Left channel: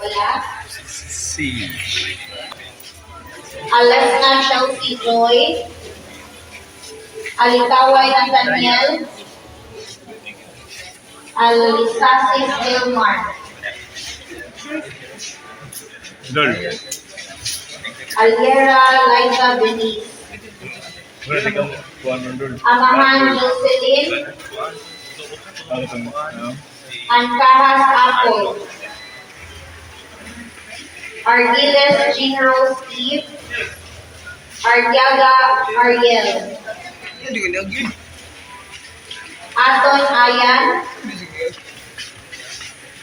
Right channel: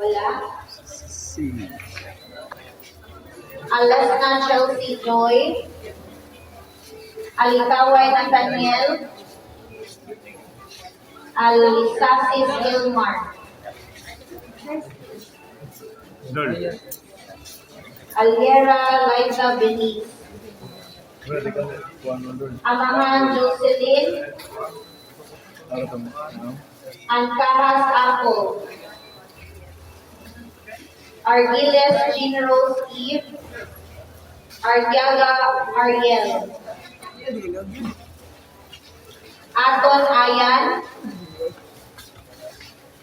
Wala? C. Alas na siya Joy. Alikaway ng Daniel. Alisasis Gilmar. Dol. Aliera Laika Beniz. Amahan Jocelyn. Antahas Apple. Ardiles Rose Steve. Artiaga Ariel. Aton Ayan.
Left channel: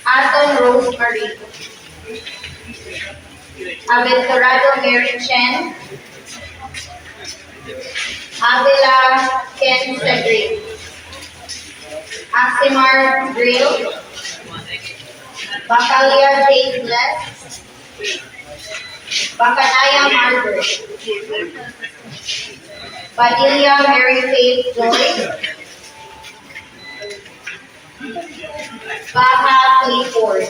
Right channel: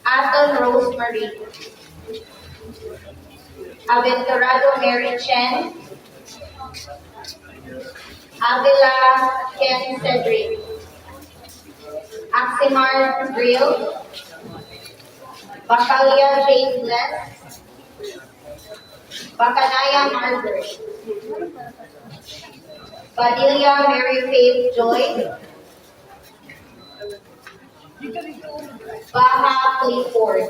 Aton Rosemary. Aventurado Mary Chen. Avila Ken Cedric. Aximar Grill. Bakalia Jane Bless. Bacanaya Margaret. Padilla Mary Faith Joy. Baha Clifford.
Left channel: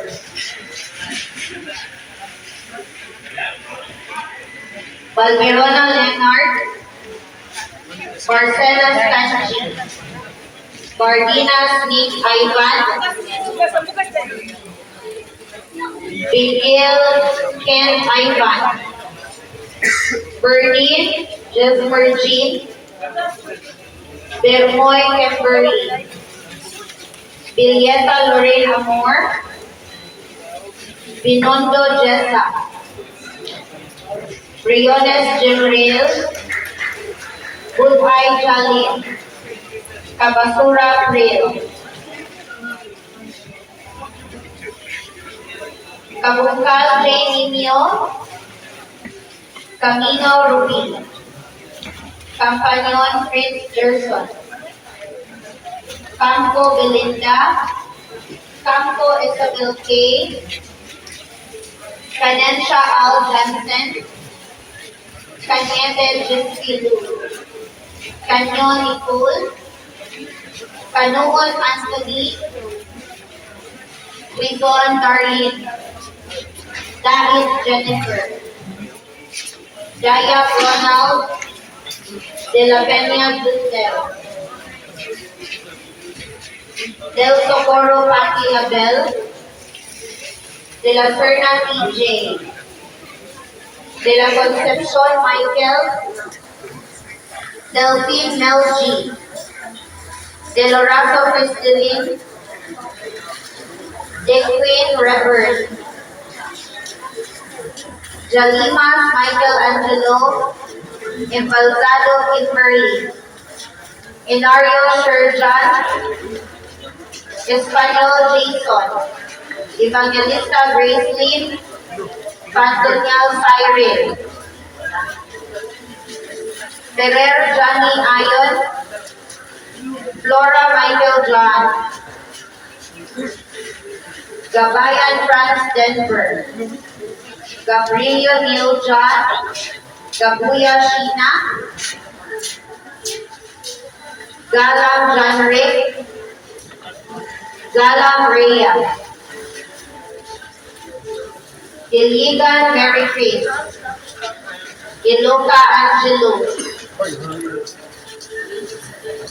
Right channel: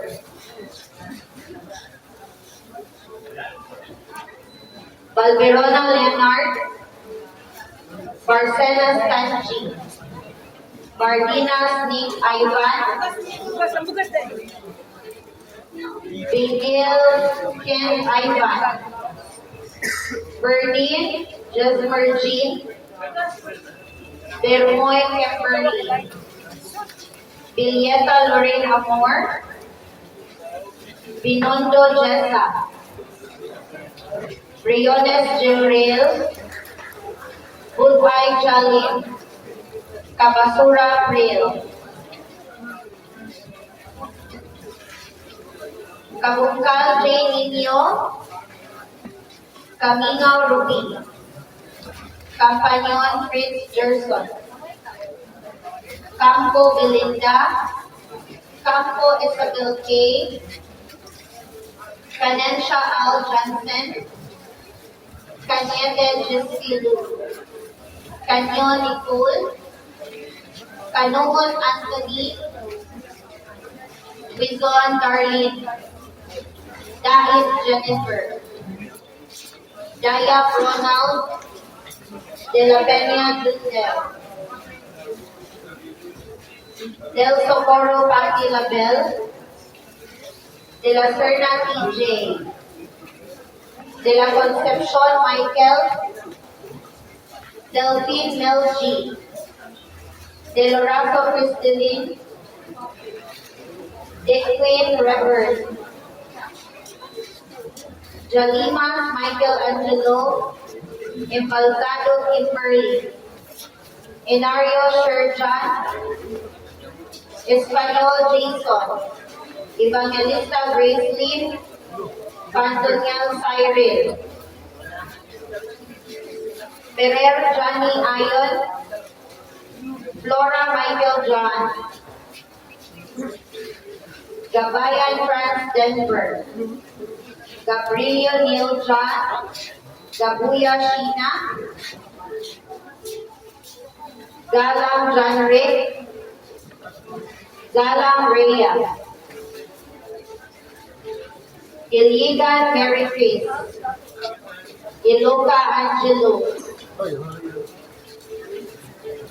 Valverona Leonard. Barcenas Tanchi. Bardinas Nick Ivan. Bigil Ken Ivan. Bernine Jesmer Jean. Bermoy Kimberly. Bilyeta Lorraine Amor. Binondo Jessa. Briones Jimrael. Bulbay Chalin. Kabasura Pril. Kabungkal J. Nino. Camino Ruby. Campanyon Prince Gerson. Campo Belinda. Campo Isabel K. Canencia Al Jansen. Cañete Jinsky Lu. Canyon Nicole. Canoon Anthony. Quizon Darlene. Dahil Jennifer. Jaya Ronald. De la Peña Dudel. Del Socorro Pati Label. De la Serna TJ. De la Concepcion Michael. Delphine Mel G. De Lorazo Cristelin. De Queen Reverend. Jalimas Michael Angelo. Embalsado Kimberly. Inario Sherjan. Espanol Jason. Evangelista Gracelyn. Pantonial Cyril. Ferrer Johnny Ayon. Flora Michael John. Gabayan Franz Denver. Gabrielio Neil John. Gabuya Sheena. Galang John Rick. Galang Rhea. Iligan Mary Chris. Iloka Angelo.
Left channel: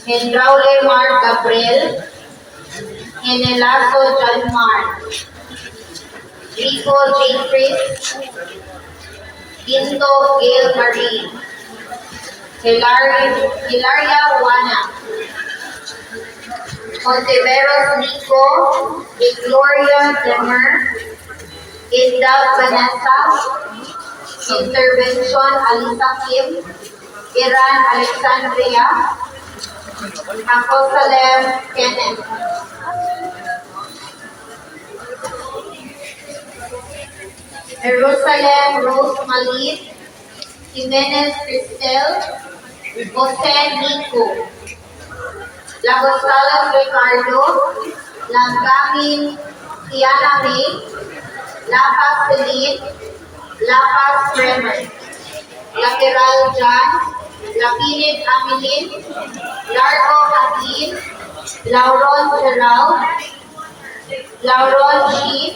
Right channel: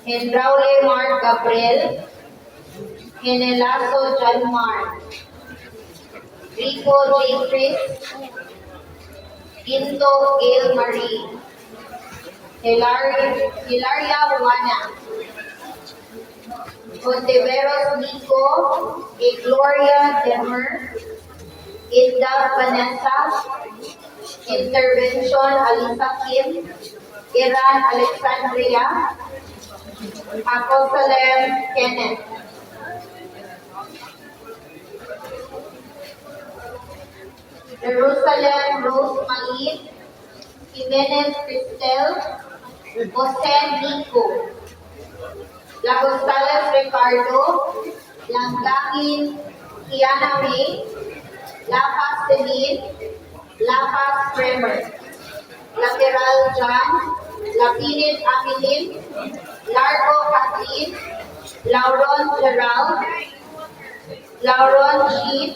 Henraule Mark Gabriel. Henelazo John Mark. Rico J. Chris. Pinto Gail Marie. Hilaria, Hilaria Juana. Contiveros Nico. Gloria Demer. Inda Vanessa. Intervention Alisa Kim. Iran Alexandria. Aposalem Kenneth. Jerusalem Rose Malin. Jimenez Cristel. Jose Nico. Lagostales Ricardo. Langgamin Kiana May. Lapas Celine. Lapas Bremer. Lateral John. Lapinid Amilin. Largo Kathleen. Lauron Gerald. Lauron Sheep.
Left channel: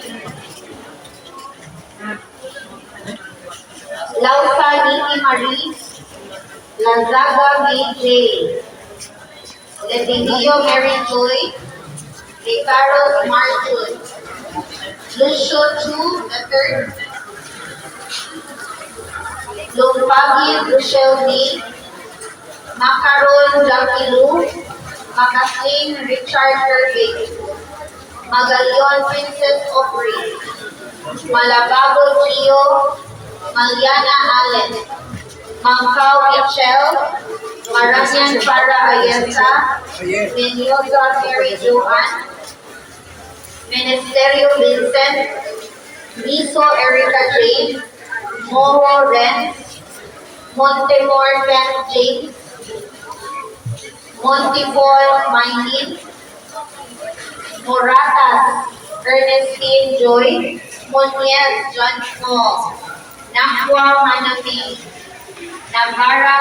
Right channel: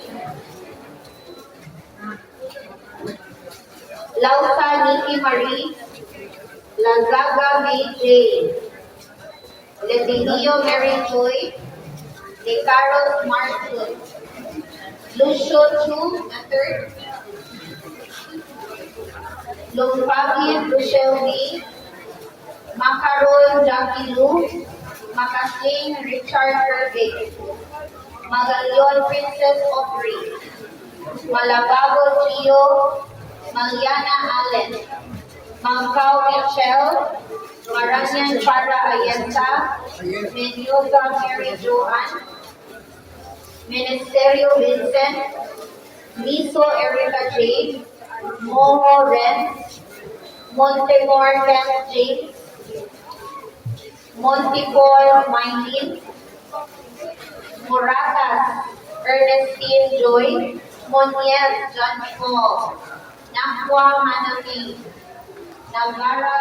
Lausa Niki Marie, Lazaga B.J., Letinio Mary Joy, De Carlos Martin, Lucio Chu III, Lumpagi Rochelle B., Macaron Jackie Lu, Makasing Richard Kirby, Magalion Princess Aubrey, Malabago Gio, Maliana Allen, Mangkao Michelle, Maranian Para Ayenta, Menyoza Mary Joan, Ministerio Vincent, Miso Erica James, Moro Ren, Montemor Kent James, Montipol Mindin, Moratas Ernestine Joy, Moniel John Paul, Nakwa Manami, Navara